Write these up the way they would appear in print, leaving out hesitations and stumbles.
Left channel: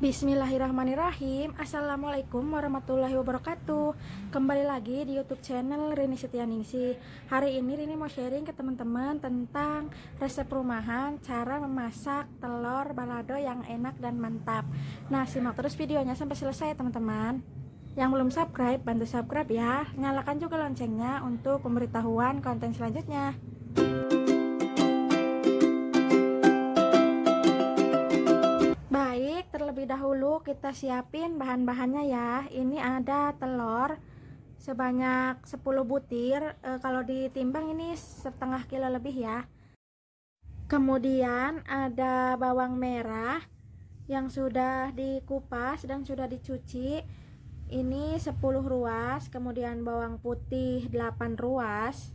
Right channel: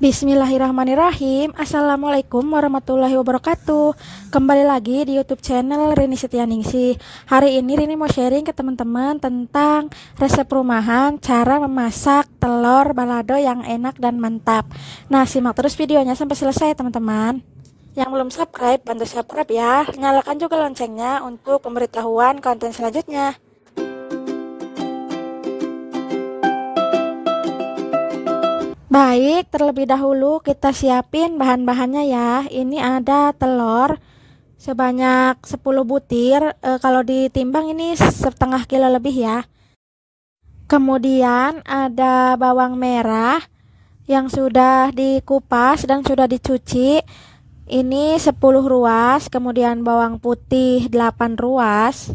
Bismillahirrahmanirrahim. Assalamualaikum warahmatullahi wabarakatuh. Kembali lagi di YouTube channel Rini Setianingsih. Hari ini Rini mau sharing ke teman-teman tentang resep rumahan, cara memasak telur balado yang enak dan mantap. Nah, simak terus videonya sampai selesai teman-teman. Yang belum subscribe, bantu subscribe ya. Nyalakan juga loncengnya untuk pemberitahuan konten selanjutnya. Baik, terlebih dahulu kita siapin bahan-bahannya ya. Ini ada telur sebanyak 10 butir. Kalau ditimbang ini setengah kilo lebih ya. Kemudian ada bawang merah yang sudah dikupas dan sudah dicuci. Ini 10 ruas, kemudian bawang putih 8 ruas.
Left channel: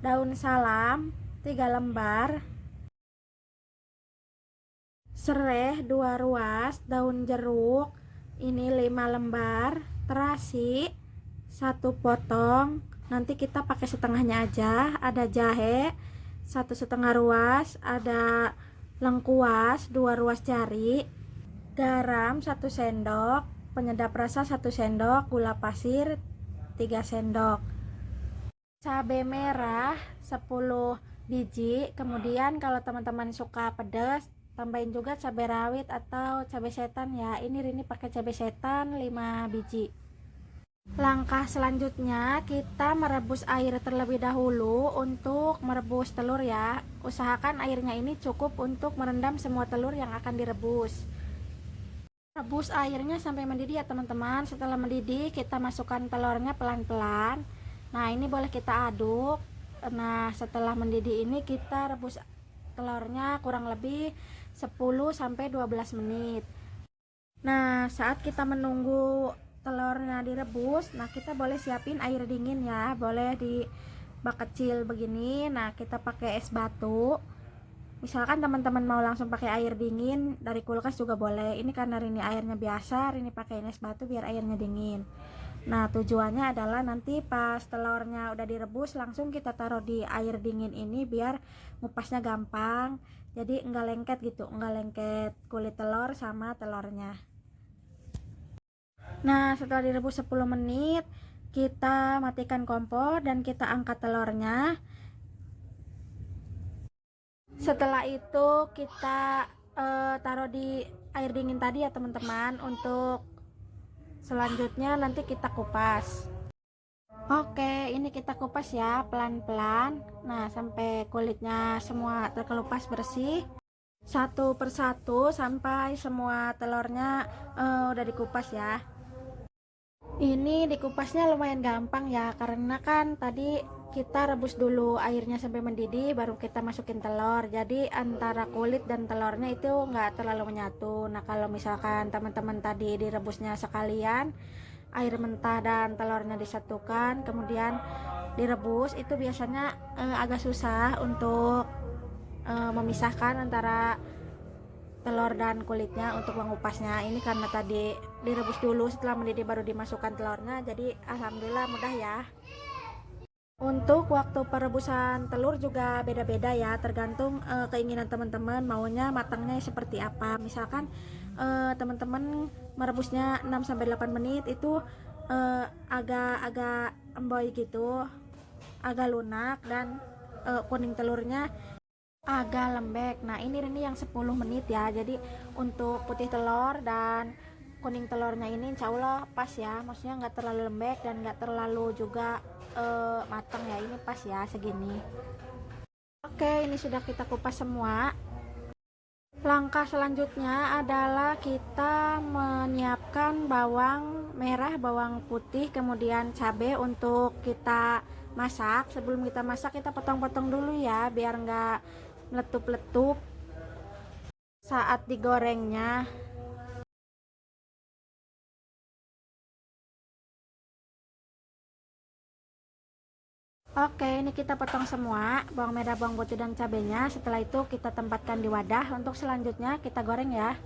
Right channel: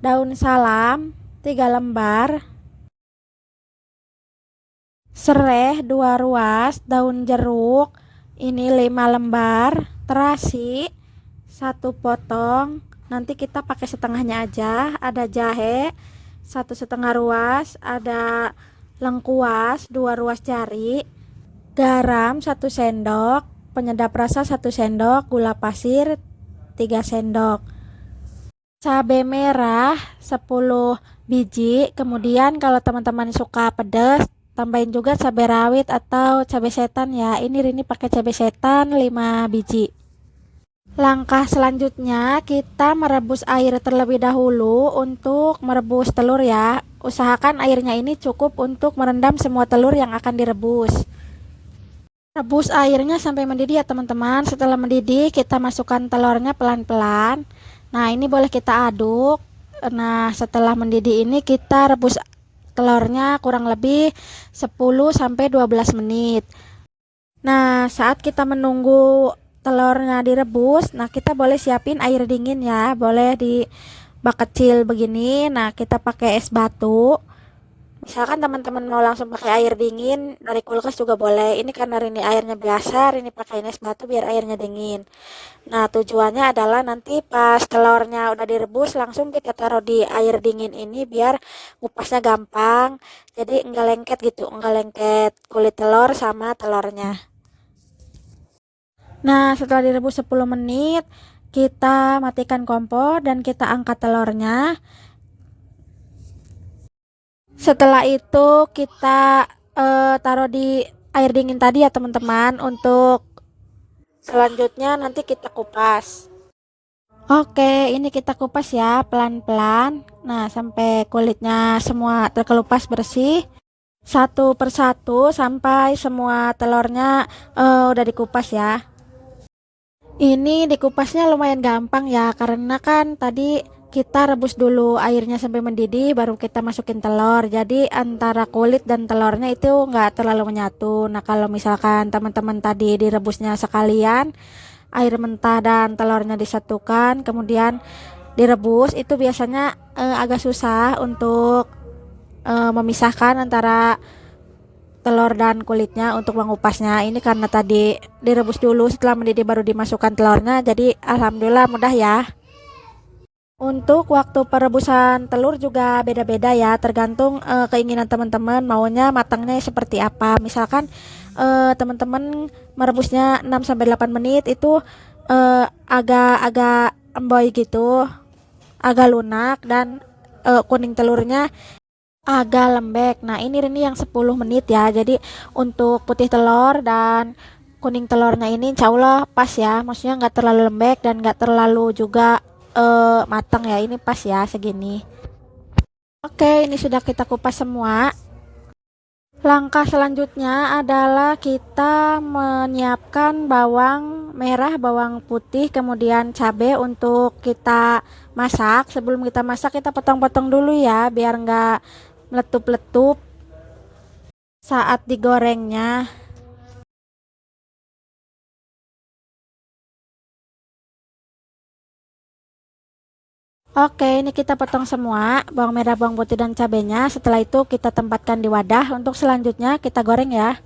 Daun salam 3 lembar. Sereh 2 ruas, daun jeruk ini 5 lembar, terasi 1 potong, nanti kita pakai setengahnya aja. Ada jahe 1,5 ruas, ada lengkuas 2 ruas jari, garam 1 sendok, penyedap rasa 1 sendok, gula pasir 3 sendok, cabai merah 10 biji. Kemudian kalau teman-teman suka pedas, tambahin juga cabai rawit atau cabai setan ya. Ini Rini pakai cabai setan 5 biji. Langkah selanjutnya kita merebus air terlebih dahulu untuk merebus telur ya. Usahakan airnya ini cukup untuk merendam semua telur yang akan direbus. Rebus airnya sampai mendidih ya teman-teman. Setelah mendidih kita masukkan telurnya pelan-pelan. Nah, ini boleh kita aduk. Nah, setelah mendidih ini kita rebus telurnya kurang lebih 10-12 menit. Nah, saat kita menunggu telurnya direbus, nah kita boleh siapin air dingin ya. Boleh di bak kecil begini. Nah, kita pakai es batu. Misalkan teman-teman mau langsung pakai air dingin dari kulkas juga boleh. Ini karena ini airnya biasa, ini pakai es batu biar airnya dingin. Nah, tujuannya adalah nanti pas telurnya udah direbus langsung kita taruh di air dingin ini biar ngupasnya gampang. Jadi enggak lengket gitu, enggak lengket kulit telur sama telurnya. Nah, setelah direbus 10 menit, kita matikan kompor dan kita angkat telurnya. Setelah itu kita taruh di air dingin tadi ya teman-teman. Untuk selanjutnya nanti kita kupas. Oke, ini kita kupas ya pelan-pelan. Nah, sampai kulitnya semua terkelupas bersih. Satu persatu sampai semua telurnya udah dikupas ya. Ini dikupasnya lumayan gampang ya, karena kan tadi kita rebus dulu airnya sampai mendidih baru kita masukin telur. Jadi antara kulit dan telurnya itu nggak terlalu menyatu. Nah, kalau misalkan teman-teman tadi direbusnya sekalian, air mentah dan telurnya disatukan kemudian direbus, itu biasanya agak susah untuk memisahkan antara telur dan kulitnya untuk mengupasnya. Ini karena tadi direbus dulu, setelah mendidih baru dimasukkan telurnya, jadi alhamdulillah mudah ya. Untuk waktu perebusan telur juga beda-beda ya, tergantung keinginan teman-teman maunya matangnya seperti apa. Misalkan teman-teman merebusnya 6-8 menit itu agak-agak emboy gitu, agak lunak, dan kuning telurnya agak lembek. Nah, ini yang 10 menit ya. Jadi untuk putih telur dan kuning telurnya ini insya Allah pas ya. Maksudnya nggak terlalu lembek dan nggak terlalu juga matang ya. Ini pas ya segini. Oke, ini sudah kita kupas semua. Langkah selanjutnya adalah kita menyiapkan bawang merah, bawang putih, kemudian cabai untuk kita masak. Sebelum kita masak kita potong-potong dulu ya biar nggak meletup-letup saat digorengnya. Oke, ini kita potong semua bawang merah, bawang putih, dan cabenya. Setelah itu kita tempatkan di wadah. Untuk selanjutnya kita goreng ya.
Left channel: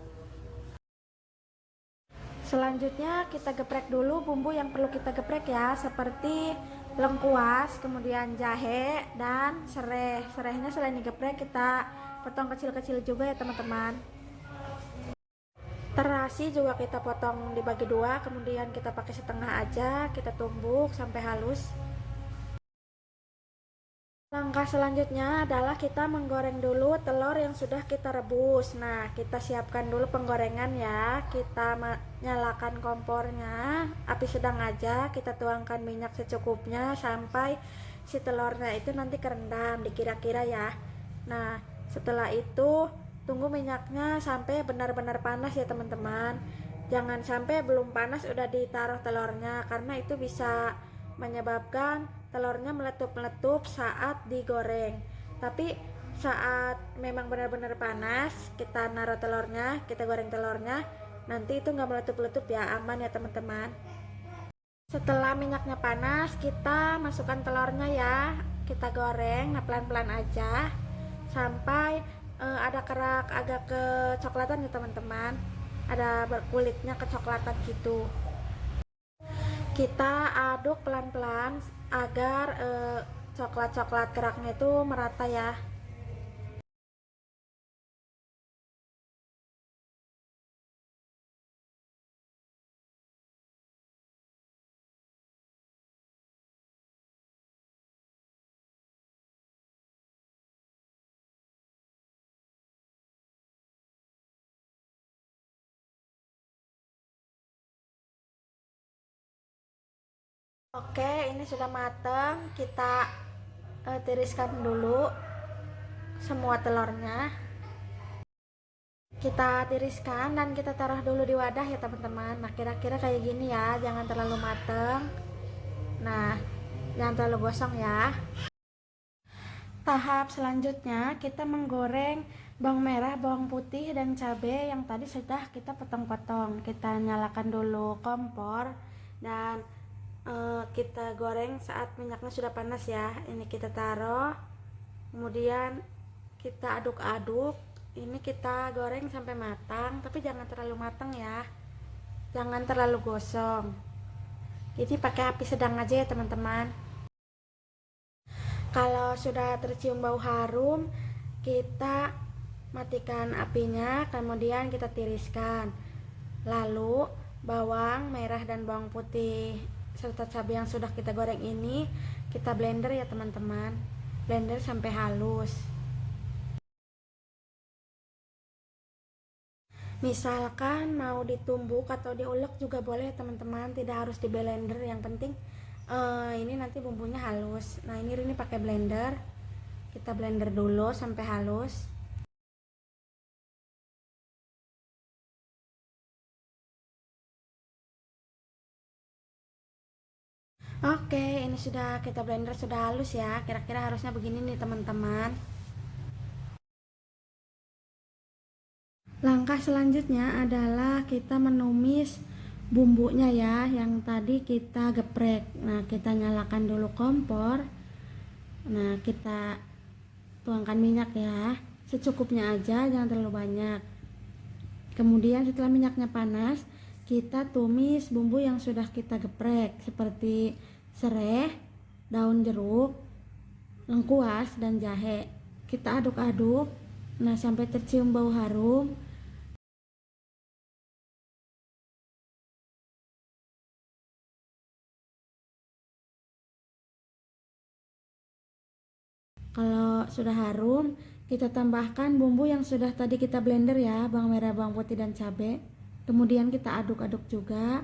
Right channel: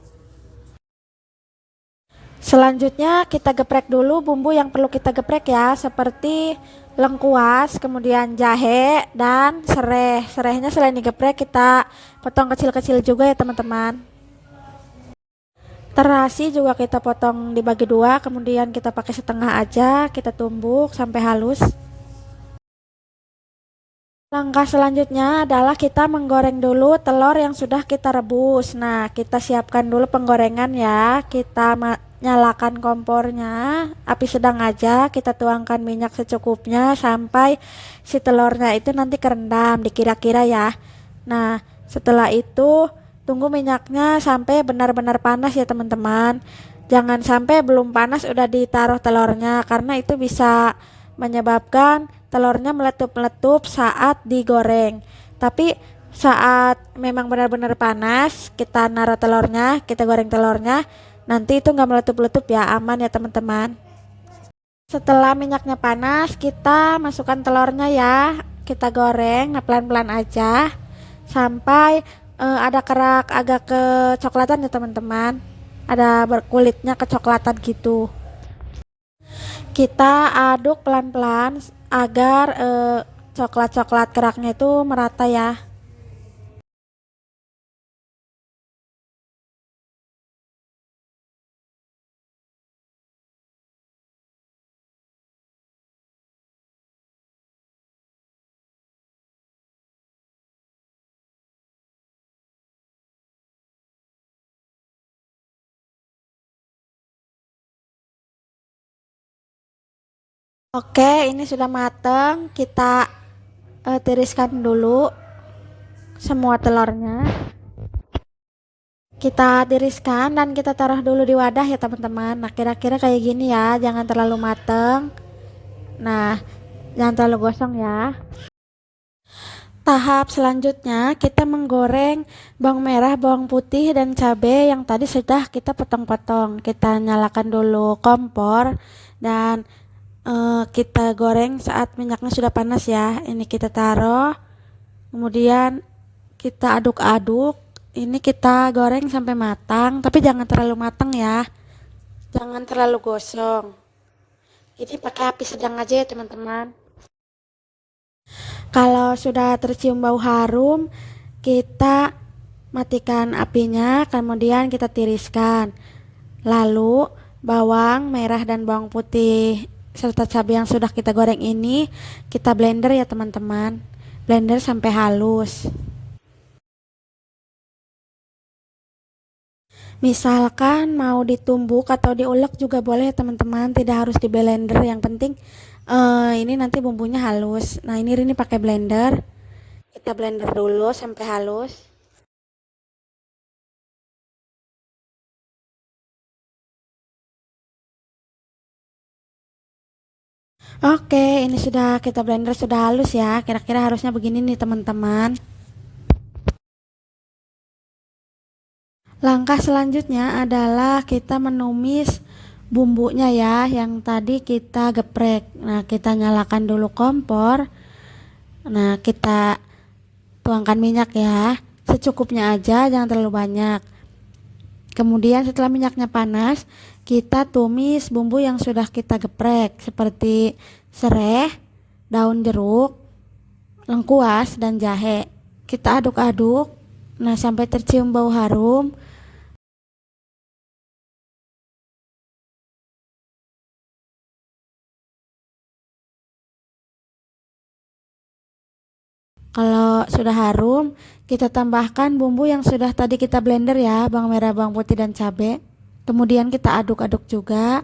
Selanjutnya kita geprek dulu bumbu yang perlu kita geprek ya, seperti lengkuas, kemudian jahe dan serai. Serainya selain digeprek kita potong kecil-kecil juga ya teman-teman. Terasi juga kita potong dibagi dua, kemudian kita pakai setengah aja, kita tumbuk sampai halus. Langkah selanjutnya adalah kita menggoreng dulu telur yang sudah kita rebus. Nah, kita siapkan dulu penggorengan ya. Kita nyalakan kompornya, api sedang aja. Kita tuangkan minyak secukupnya sampai si telurnya itu nanti kerendam, dikira-kira ya. Nah, setelah itu tunggu minyaknya sampai benar-benar panas ya teman-teman. Jangan sampai belum panas udah ditaruh telurnya, karena itu bisa menyebabkan telurnya meletup-meletup saat digoreng. Tapi saat memang benar-benar panas, kita naruh telurnya, kita goreng telurnya, nanti itu nggak meletup-meletup ya, aman ya teman-teman. Setelah minyaknya panas, kita masukkan telurnya ya, kita goreng, nah pelan-pelan aja sampai ada kerak agak kecoklatan ya teman-teman, ada berkulitnya kecoklatan gitu. Kita aduk pelan-pelan agar coklat-coklat keraknya itu merata ya. Oke, ini sudah mateng. Kita tiriskan dulu semua telurnya. Kita tiriskan dan kita taruh dulu di wadah ya teman-teman. Nah, kira-kira kayak gini ya, jangan terlalu mateng. Nah, jangan terlalu gosong ya. Tahap selanjutnya kita menggoreng bawang merah, bawang putih, dan cabai yang tadi sudah kita potong-potong. Kita nyalakan dulu kompor dan kita goreng saat minyaknya sudah panas ya. Ini kita taruh, kemudian kita aduk-aduk. Ini kita goreng sampai matang, tapi jangan terlalu matang ya, jangan terlalu gosong. Jadi pakai api sedang aja ya teman-teman. Kalau sudah tercium bau harum, kita matikan apinya, kemudian kita tiriskan. Lalu bawang merah dan bawang putih serta cabai yang sudah kita goreng ini kita blender ya teman-teman. Blender sampai halus. Misalkan mau ditumbuk atau diulek juga boleh teman-teman, tidak harus di blender. Yang penting ini nanti bumbunya halus. Nah, ini pakai blender. Kita blender dulu sampai halus. Oke, ini sudah kita blender sudah halus ya. Kira-kira harusnya begini nih teman-teman. Langkah selanjutnya adalah kita menumis bumbunya ya, yang tadi kita geprek. Nah, kita nyalakan dulu kompor. Nah, kita tuangkan minyak ya, secukupnya aja, jangan terlalu banyak. Kemudian setelah minyaknya panas, kita tumis bumbu yang sudah kita geprek seperti sereh, daun jeruk, lengkuas, dan jahe. Kita aduk-aduk, nah sampai tercium bau harum. Kalau sudah harum, kita tambahkan bumbu yang sudah tadi kita blender ya, bawang merah, bawang putih, dan cabai. Kemudian kita aduk-aduk juga.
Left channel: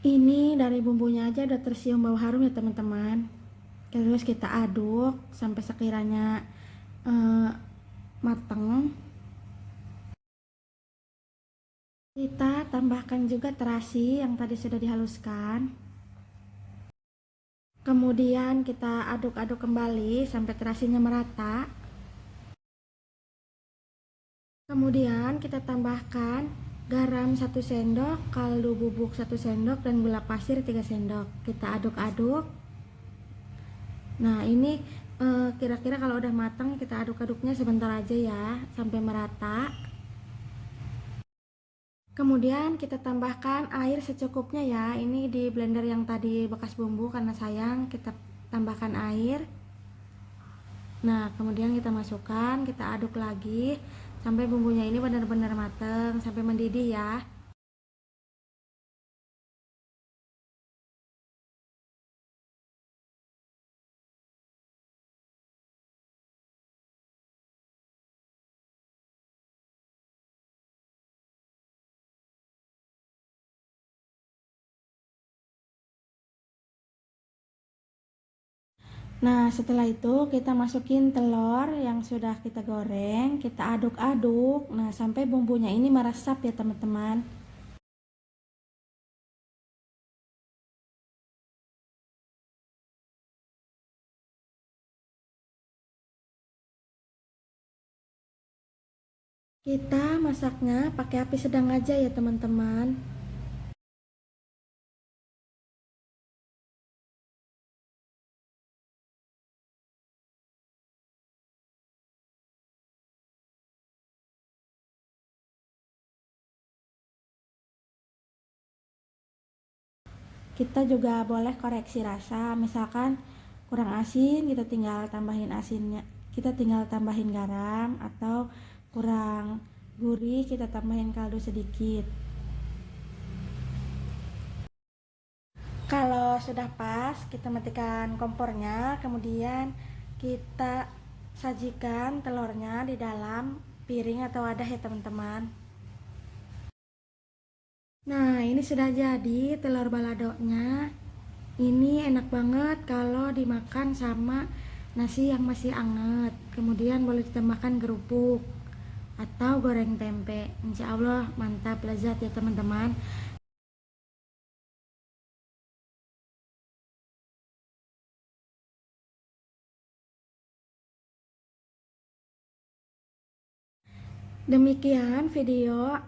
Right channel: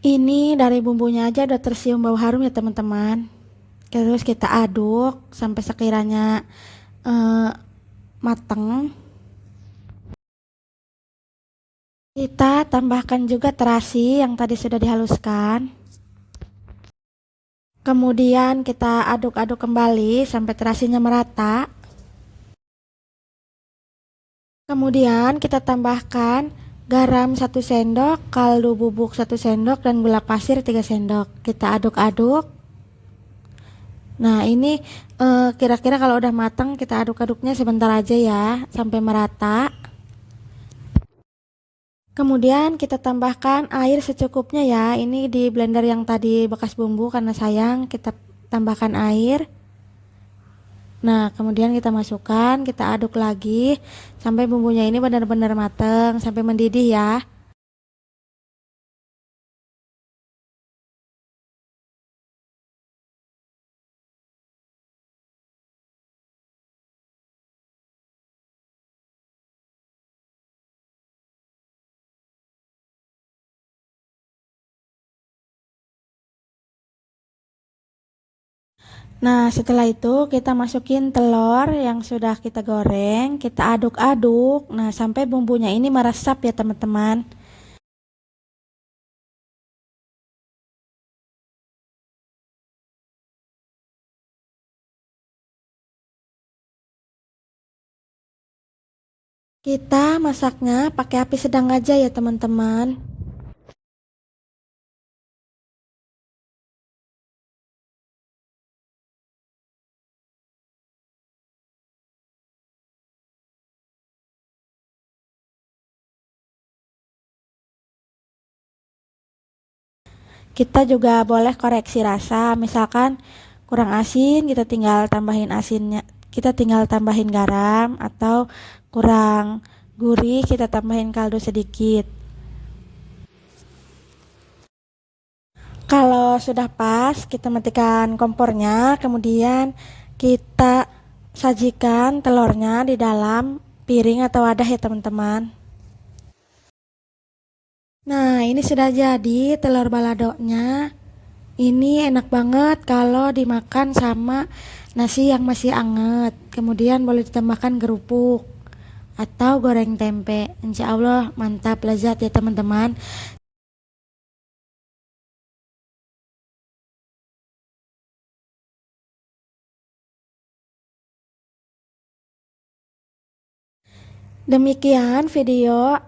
Ini dari bumbunya aja udah tercium bau harum ya teman-teman. Terus kita aduk sampai sekiranya mateng. Kita tambahkan juga terasi yang tadi sudah dihaluskan. Kemudian kita aduk-aduk kembali sampai terasinya merata. Kemudian kita tambahkan garam 1 sendok, kaldu bubuk 1 sendok, dan gula pasir 3 sendok. Kita aduk-aduk. Nah, ini kira-kira kalau udah matang kita aduk-aduknya sebentar aja ya sampai merata. Kemudian kita tambahkan air secukupnya ya. Ini di blender yang tadi bekas bumbu, karena sayang kita tambahkan air. Nah, kemudian kita masukkan, kita aduk lagi sampai bumbunya ini benar-benar mateng, sampai mendidih ya. Nah, setelah itu kita masukin telur yang sudah kita goreng, kita aduk-aduk. Nah, sampai bumbunya ini meresap ya, teman-teman. Kita masaknya pakai api sedang aja ya, teman-teman. Kita juga boleh koreksi rasa, misalkan kurang asin, kita tinggal tambahin asinnya, kita tinggal tambahin garam, atau kurang gurih, kita tambahin kaldu sedikit. Kalau sudah pas, kita matikan kompornya, kemudian kita sajikan telurnya di dalam piring atau wadah ya, teman-teman. Nah, ini sudah jadi telur baladonya. Ini enak banget kalau dimakan sama nasi yang masih anget. Kemudian boleh ditambahkan kerupuk atau goreng tempe. Insya Allah mantap lezat ya, teman-teman. Demikian video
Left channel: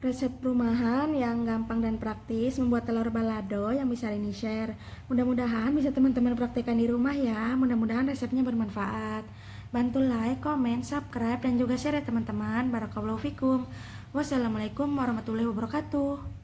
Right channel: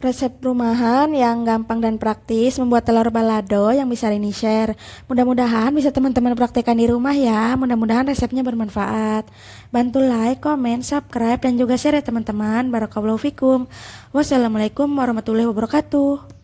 resep rumahan yang gampang dan praktis membuat telur balado yang bisa Rini share. Mudah-mudahan bisa teman-teman praktekkan di rumah ya. Mudah-mudahan resepnya bermanfaat. Bantu like, komen, subscribe, dan juga share ya, teman-teman. Barakallahu fikum. Wassalamualaikum warahmatullahi wabarakatuh.